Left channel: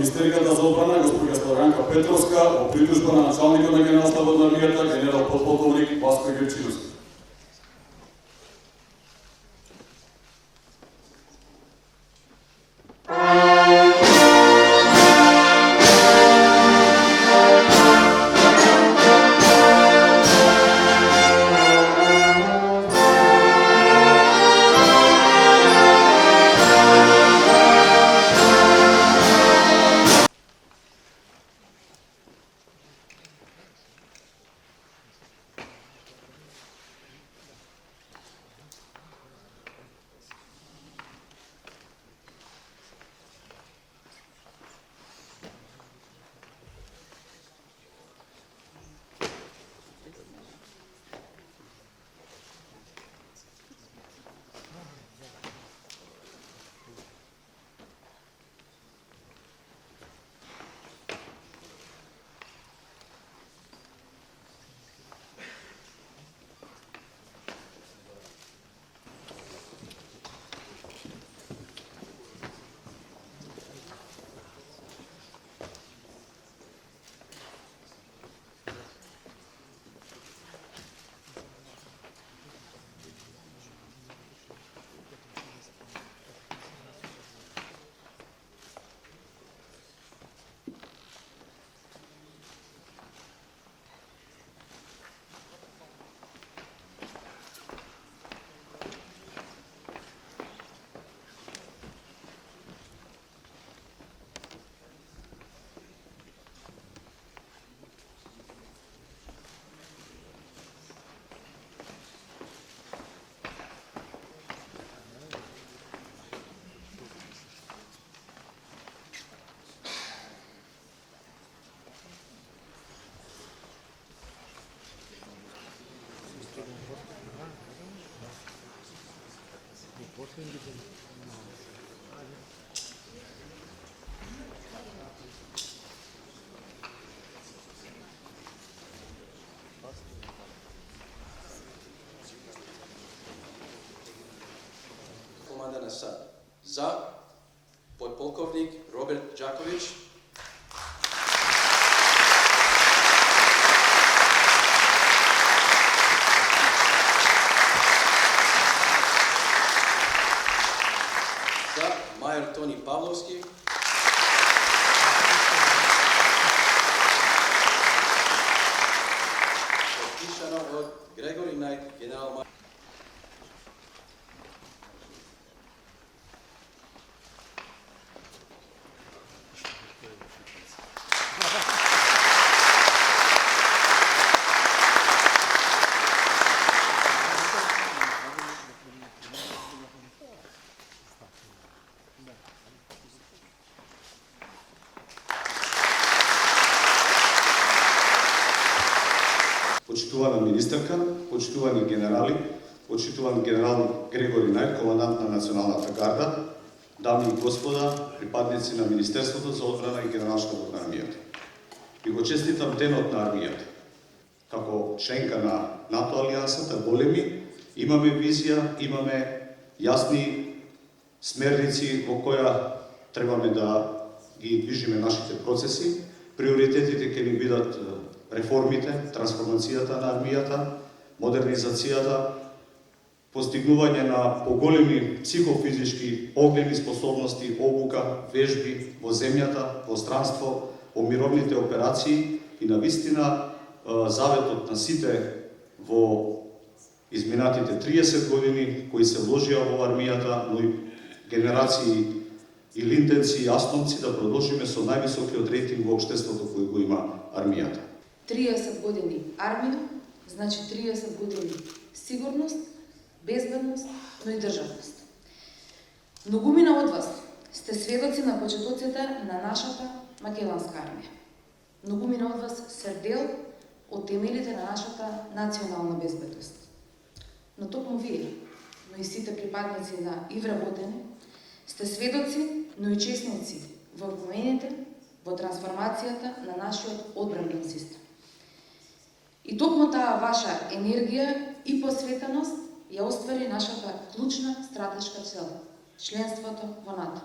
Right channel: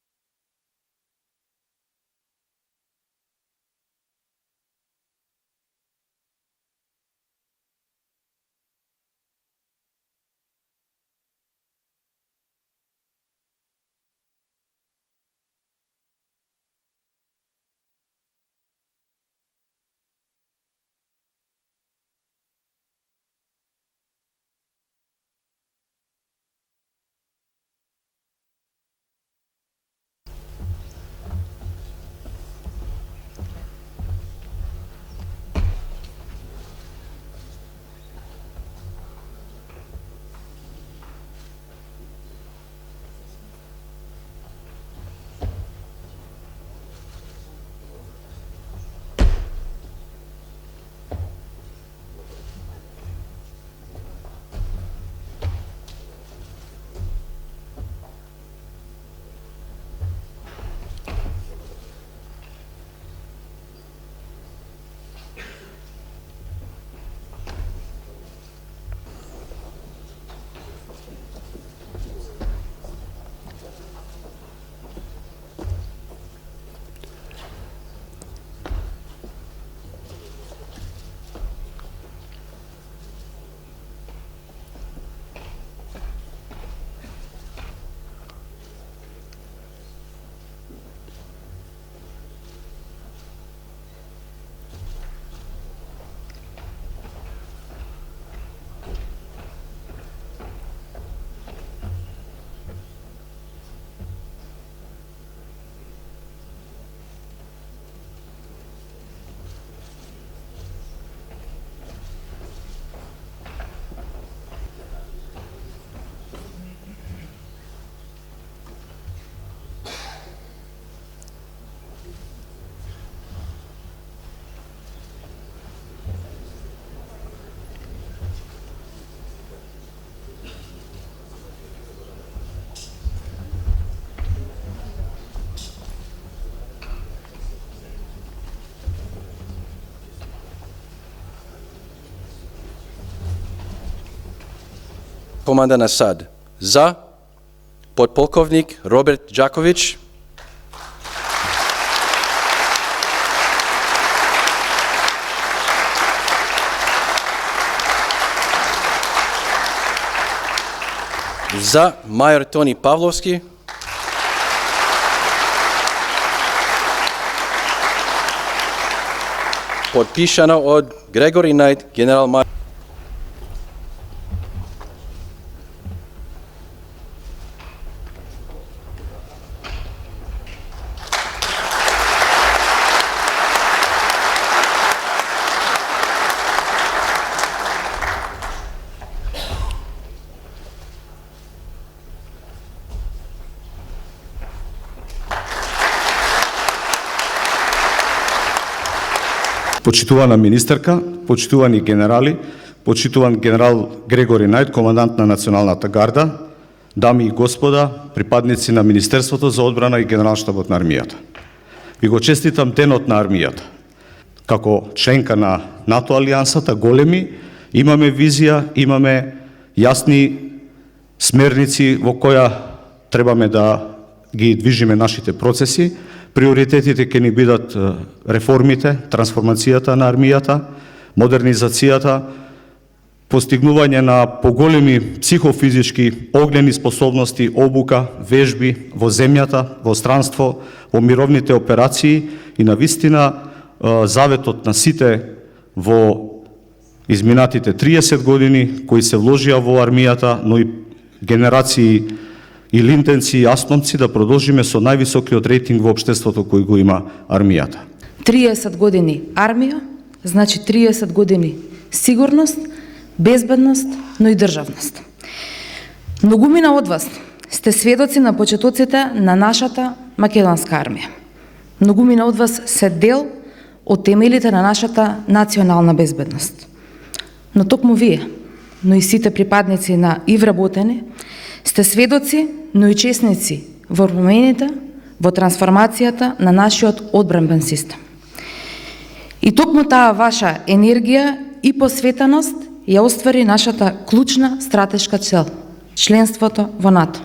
Министерката за одбрана госпоѓа Славјанка Петровска во притужба на началникот на Генералштабот на армијата генерал подполковник Васко Герчиновски. Команда на САД. За подполковник Роберт Джакович. За майор Тони Павловски. Подпишано от Грегори Найт, генерал майор. Почитувана министерка, почитувани генерали, почитуван генерал Грегори Најд, командант на Националната гарда, дами и господа, припадници на Министерството за одбрана и Генералштабот на армијата. Ви го честитам денот на армијата. Како членка на НАТО алијансата, големи, имаме визија, имаме јасни смерници во која требаме да ги движиме нашите процеси. Приоритетите ќе ни бидат реформите, трансформацијата на армијата, модернизацијата, постигнување на поголеми психофизички огнени способности, обука, вежби во земјата, во странство, во мировните операции и на вистина заветот на сите во изминатите 30 години кои се вложија во армијата, но и генерации и линтенци и асномци да продолжиме со највисокиот рейтинг во општеството кој го има армијата. 30 години армија, значи 30 години сигурност, безбедност, но и државност. Многумина од вас сте сведоци на почетоците на нашата македонска армија. Многумина од вас се дел од темелите на нашата национална безбедност. Но токму вие, но и сите припадници на и вработени, сте сведоци, но и чесници во промените, во трансформацијата на нашиот одбранбен систем. И токму таа ваша енергија и посветеност ја оствари нашата клучна стратешка цел – членството во НАТО.